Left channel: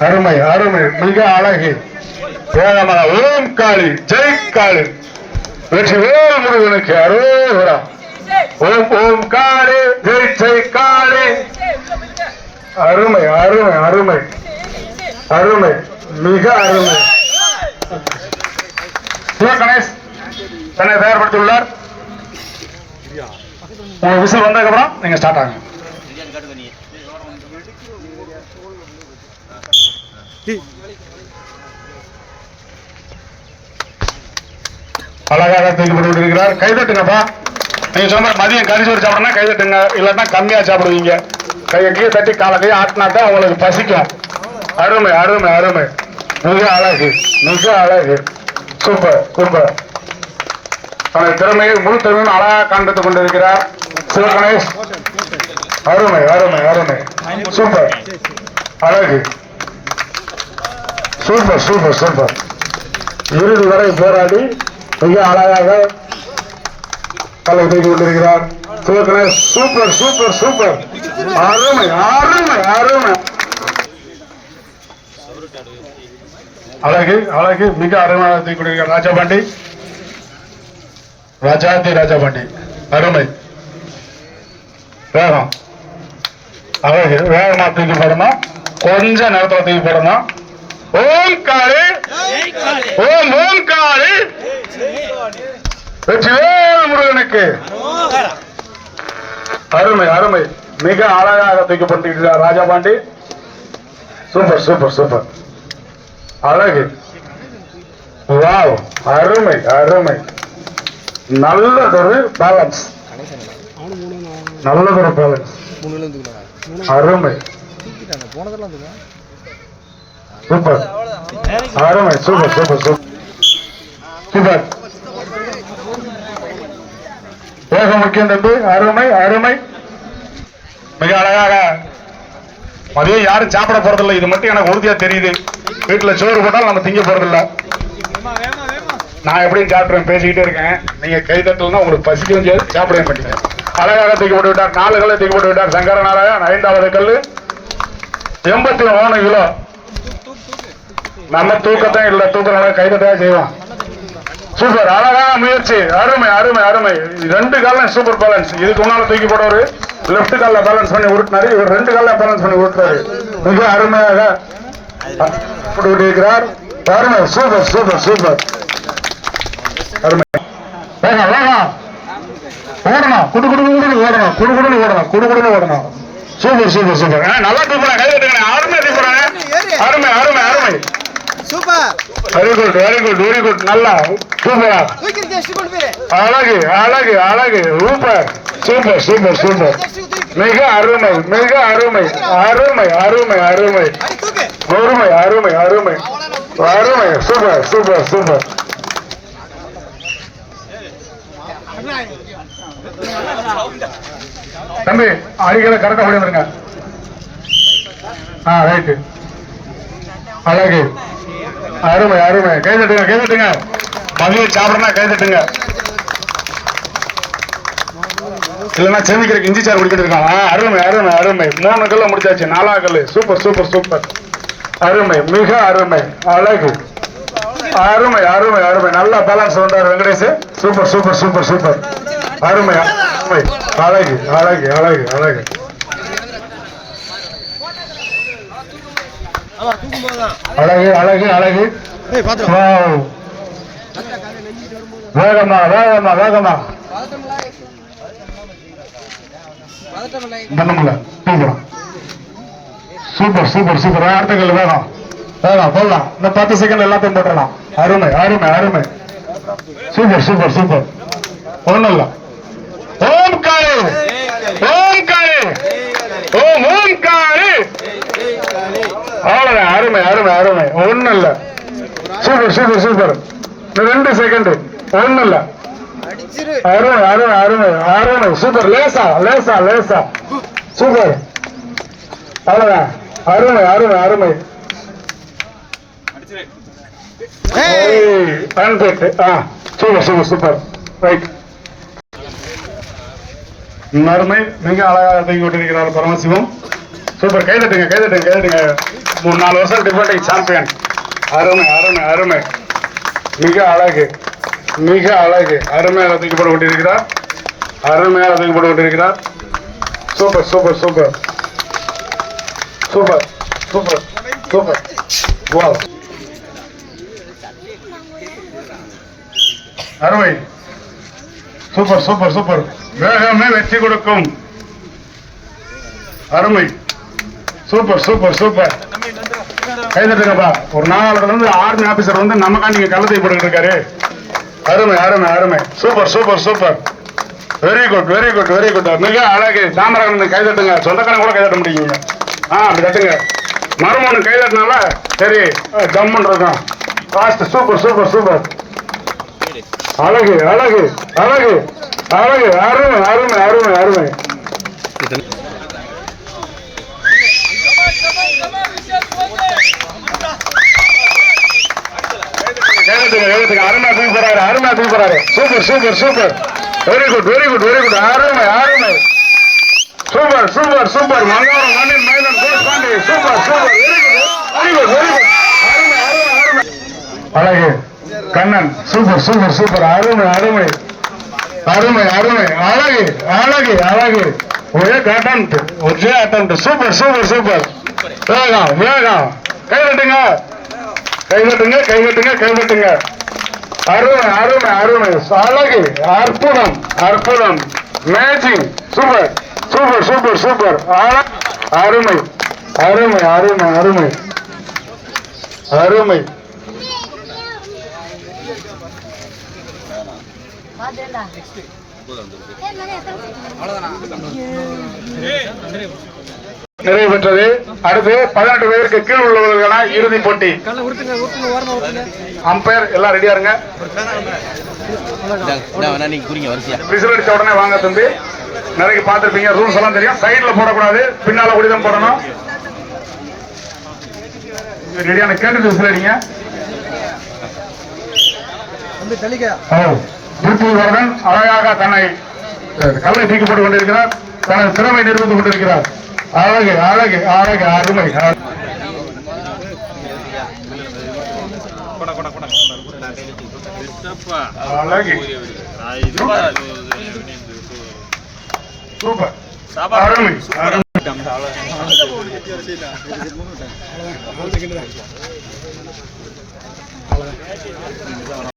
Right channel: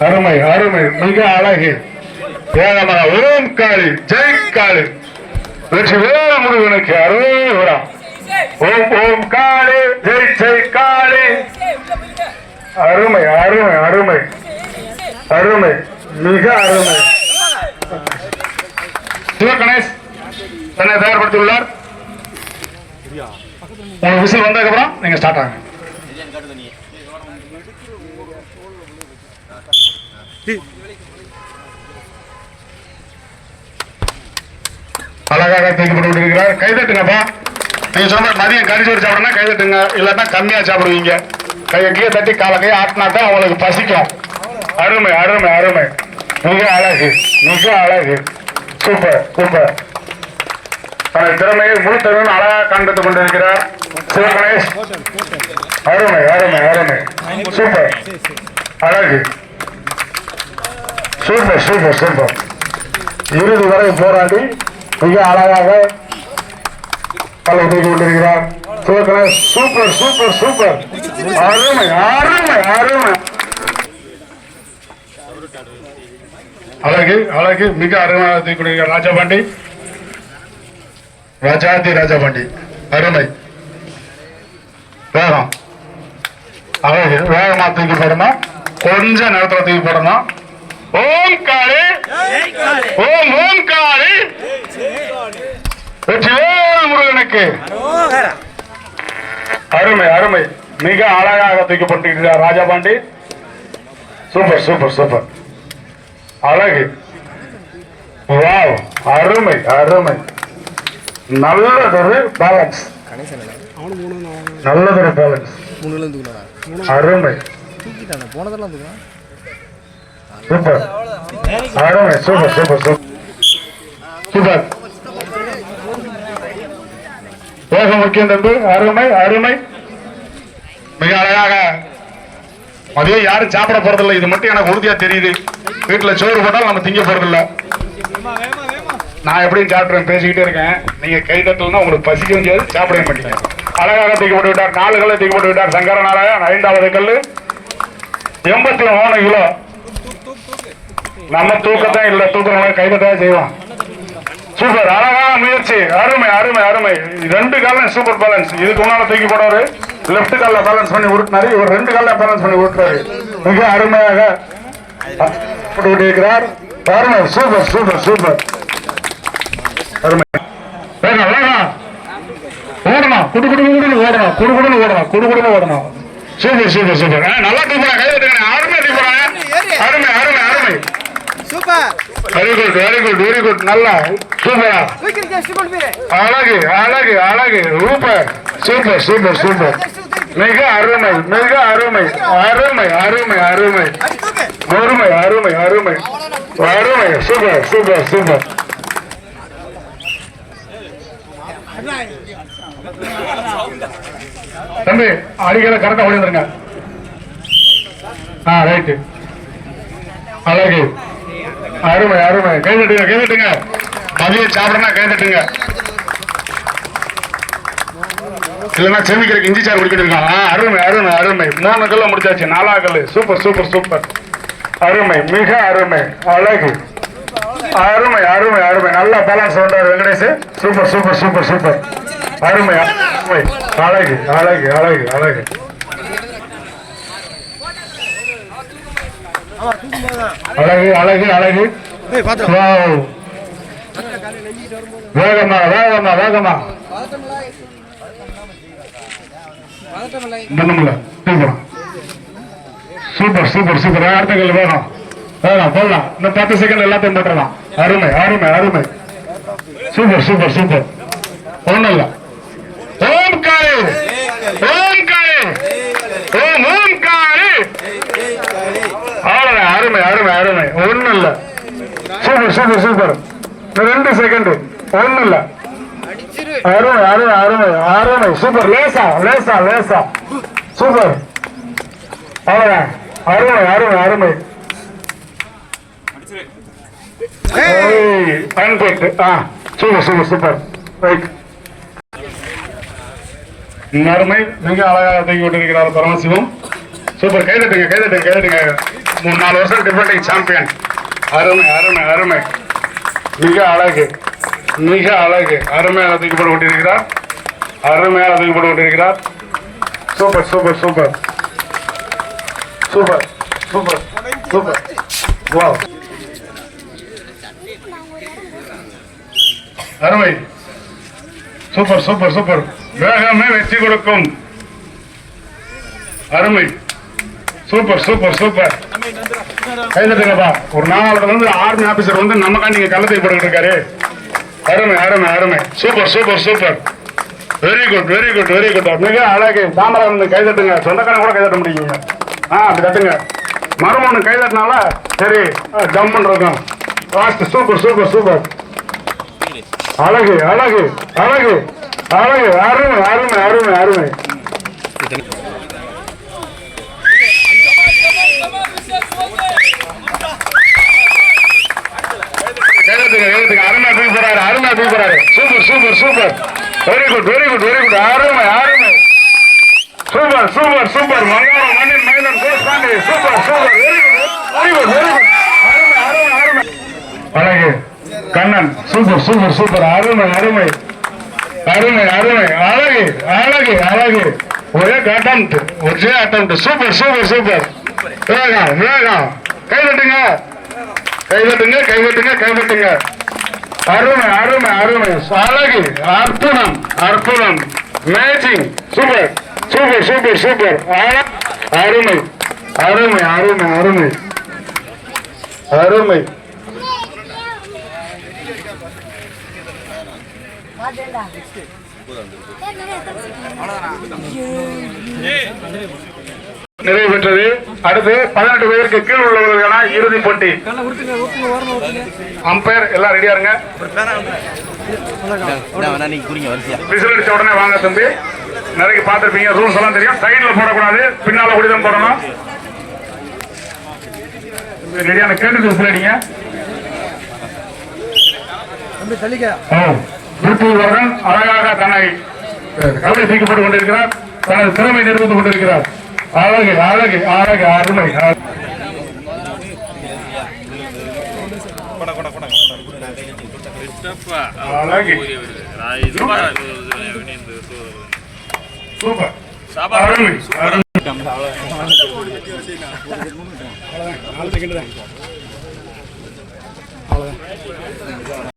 அருமை அருமை. மிக அழகு. வேகமாக. ஓம் காளி. ஜெய் காளி. வெற்றி வேறு முருகனுக்கு அரோகரா ஓம் ஓம் காளி. ஜெய் ஜெய் காளி. அருமை அருமை அருமை. அருமை. மிக அருமை. கணேஷ். தன்னை தயார்படுத்தியுள்ளார். உங்களுக்கு விசில் வந்ததுக்கப்புறம் நீங்கள் நீங்க ஸ்டார்ட் ஆகுங்க. அழகாக தூக்கி போட்டு இருக்கிறார் கைதட்டுங்கப்பா நீங்க சொன்ன மதியம் கரிசோறு சாப்பிடணும் கைதட்டுங்க இல்லைன்னா கம்மியா சாப்பிடுவீங்க. கையை கீழே தட்டி காலை கையை ஆட்டினா தான் உங்களுக்கு பசிக்கும். அருமை அருமை அருமை. மிக அழகு மிக அழகு. Super super. தனது திறமையை முழுத்தவன் அழகாக காண்பித்துக் கொண்டிருக்கிறார் சிவகணேஷ். அருமை அருமை. அருமை சூப்பர் அழகு சூப்பர் சூப்பர் சூப்பர் இறுதி வரை போராடி மிக அழகாக கலை தூக்கி கொண்டிருக்கிறார் சிவகணேஷ் சூப்பர் சூப்பர் சூப்பர் அருமை அருமை அருமை அழகு அழகு மிக அருமையாக தூக்கி கொண்டிருக்கிறார் ராஜபாண்டி ராஜாதி ராஜபாண்டி அருமை வேகம் அழகு வேகமா தூக்கி போடணும்? கொஞ்சம் நேரத்தில் தூக்கி போடணும்? ஓம் காளி ஓம் ஓம் காளி வெற்றிவேல் முருகனுக்கு. அருமை அருமை. மிக அழகாக தூக்கி போட்டிருக்கிறார் ராஜாபாண்டி. Super super super. அழகு. வாவ் அருமை அருமை. நல்லதொரு பேலன்ஸ் நல்லதொரு பேலன்ஸ் அருமை. சூப்பர். அருமை. Super super super. சூப்பர். வேக முக்கியம் தம்பி. அருமை அருமை. மிக அழகாக. மதியம் யாரும் சாப்பிட போறதில்லை. இது மட்டும் எனக்கு உறுதியா தெரியுது. வீட்டுல சோறு போட்டாலும் நம்ம திங்க போறதில்ல. நான் எப்படியும் சாப்பிடுறேன். பேசிக்கிட்டே இருக்கேன். நீங்க கை தட்டுங்க உங்களுக்கு பசிக்க முடியாது சாப்பிடவே மாட்டீங்க. அழகாக தூக்கி போட்டு விட்டார் நாலு கல்லை தூக்கி போட்டு விட்டார். சங்கர நாராயணன் ஐந்தாவது கல்லு. எண்பத்தி மூணு கிலோ. நம்ம தூக்கத்தான் இல்லை தூக்கம் கைதட்டாக செய்வோம். சூப்பர். அழகான முயற்சி. அருமை அருமை அருமை. ரெண்டு காலம் சூப்பர் பேலன்ஸ் இதுக்கு முன்னால தூக்கி போடுவாரு லெஃப்ட் கால்ல பேலன்ஸ் பண்ணி உருட்டினாரு. இவர் ரெண்டு கால்ல பேலன்ஸ் பண்ணி உருட்டுறாரு. மிக அருமையாக இருக்கிறார் அருமை. Super super super. அருமை. வேகம் ஓடணும். குடு குடு குடு ஓடணும். குடு குடுன்னு ஓடணும். குடு குடுன்னு ஓடணும். Super super super. நல்லா தூக்குறேன் கை தட்டுங்க அருமை தூக்குறேன் அருமை அருமை அருமை. Super. Very good very good very good நல்லா. சூப்பரா அழகு அழகு அழகு. சூப்பர். Super super super. மிக அருமை மிக அருமை அருமை அருமை அருமை. அருமை அருமை அருமை. அருமை. Super super super. தம்பி அடிகளை கரெக்டா விழுந்துருங்க ஆ ரைட்டு அழகு. அருமை அருமை. கை தட்டுங்க கை தட்டுங்க. மதியம் சாப்பிடனா கை தட்டுங்க. இல்லைன்னா சேமிக்கிறதுக்கு இஞ்சி சார் குடிக்கிட்டு இருக்கான். ஆ, அருமை அருமை அருமை. மூணு கல்ல முடிச்சாச்சு. நாலா கல்லு. Super super super. அருமை மிக அருமை. அழகு. அருமை அருமை அருமை. நல்லா பேலன்ஸ் பண்றாரு Venkatesh. Super super super super. அருமை அருமை. அழகு அழகு அழகு. அழகு அழகு அழகு அழகு வேகமா வேகமா வேகமா சூப்பர் சூப்பர் சூப்பர் அடுத்தங்கள் வேணும் கல் போடலாம் இந்த பத்து செகண்ட் எல்லாத்தையும் போட்டுடலாம் அருமை அருமை அருமை சூப்பர் சூப்பர் சூப்பர் ஒண்ணும் இல்லை ஓம் காளி ஓம் காளி ஓம் ஓம் காளி அவ்வளவுதான் அருமை அருமை இல்ல சூப்பர் சூப்பர் சூப்பர் ரெண்டு செகண்ட் ஒண்ணும் இல்ல அருமை அருமை அருமை அருமை சூப்பர் லேசா லேசா லேசா சூப்பர் அவ்வளவுதான் அருமை அருமை அருமை பர்ஃபெக்ட் ஆ சூப்பர் ரைட் அருமை மிக அழகாக தங்கி விட்டிருக்கிறார் பரமசிவம் சூப்பர் கைதட்டுங்க கைதட்டுங்க கைதட்டுங்க மூணு நாலு வருஷம் டிஃபெண்டிங் சாம்பியன் அருமை அருமை அருமை. மிக அழகு மிக அழகு. அருமையாக தூக்கப்பட்டு கொண்டிருக்கிறார். அருமையாக தூக்கப்பட்டு கொண்டிருக்கிறார். Super super super. Super super super. வா அருமை. Super super super. வேகமே வெற்றி கொடுக்கும். அருமை. Super super super. கைதட்டுங்கப்பா ஒரு நாலு வந்து ஆர்மி ஆபீசர் வந்து நமக்கா நீங்க கள்ளத்தை போட்டுக்கிட்டு இருக்காரு. அருமை அருமை அருமை. Super super super very good very good very good மிக அழகு. சாமராஜன் கைதட்டுங்க சொந்தக்காரங்க கூட கைதட்ட முடியுங்க ஆ அப்படி தட்டுங்க. மருமகன் கைதட்டினால சரி ஜம்முன்றது இருக்கும் ஃபாஸ்ட் சூப்பர் சூப்பர் சூப்பர் அழகு அழகு அழகு அழகு அருமை அருமை அருமை அருமை. கைதட்டுங்க கைதட்டுங்க அருமை தூக்கி போறாரு அருமை super super super very good very good very good அருமை அருமை. சூப்பர் சூப்பர் சூப்பர் மங்காரம் மண்ணின் மைதன் Kospandi super super very good very good அருமை அருமை அருமை. அழகு. கண்ணன். சூப்பர் சூப்பர் சூப்பர் அருமை அருமை. அருமை அருமை. அழகு அழகு அழகு. ஒரே அட்டம் ஒரே அட்டம் சூப்பர் சூப்பர் சூப்பர் வேகம் வேகம். கைதட்டுங்க. கைதட்டுங்க கைதட்டுங்க கைதட்டுங்க அருமை அருமை அருமை அழகு அற்புதம் அற்புதம். Magic super super super super. அருமை அருமை அருமை அருமை. அருமை. நிறைவு பெற்றது. அடுத்து பதினெட்டு பேருக்கு கீழ் உள்ளவர்களான இறுதி போட்டி. அம்பையர் எல்லாம் ரெடியா இருங்க. விசில் அடிச்ச உடனே வாங்க தம்பி. நிறைய பார்த்துருப்பீங்க ரூல்ஸ் எல்லாம் தெரியும். சைடில் போடக்கூடாது. பின்னால கூடி தான் போடணும் ரெடியான கேட்டு விசில் அடிங்க. வரதன் அழகாக தன்னை கவலை தீக்கப்பட்டுக் கொண்டிருக்கிறார். தனது திறமை நிறுத்திக் கொண்டிருக்கிறார். அழகு அழகு அழகு அருமை அழகு. சூப்பர் அருமை அருமை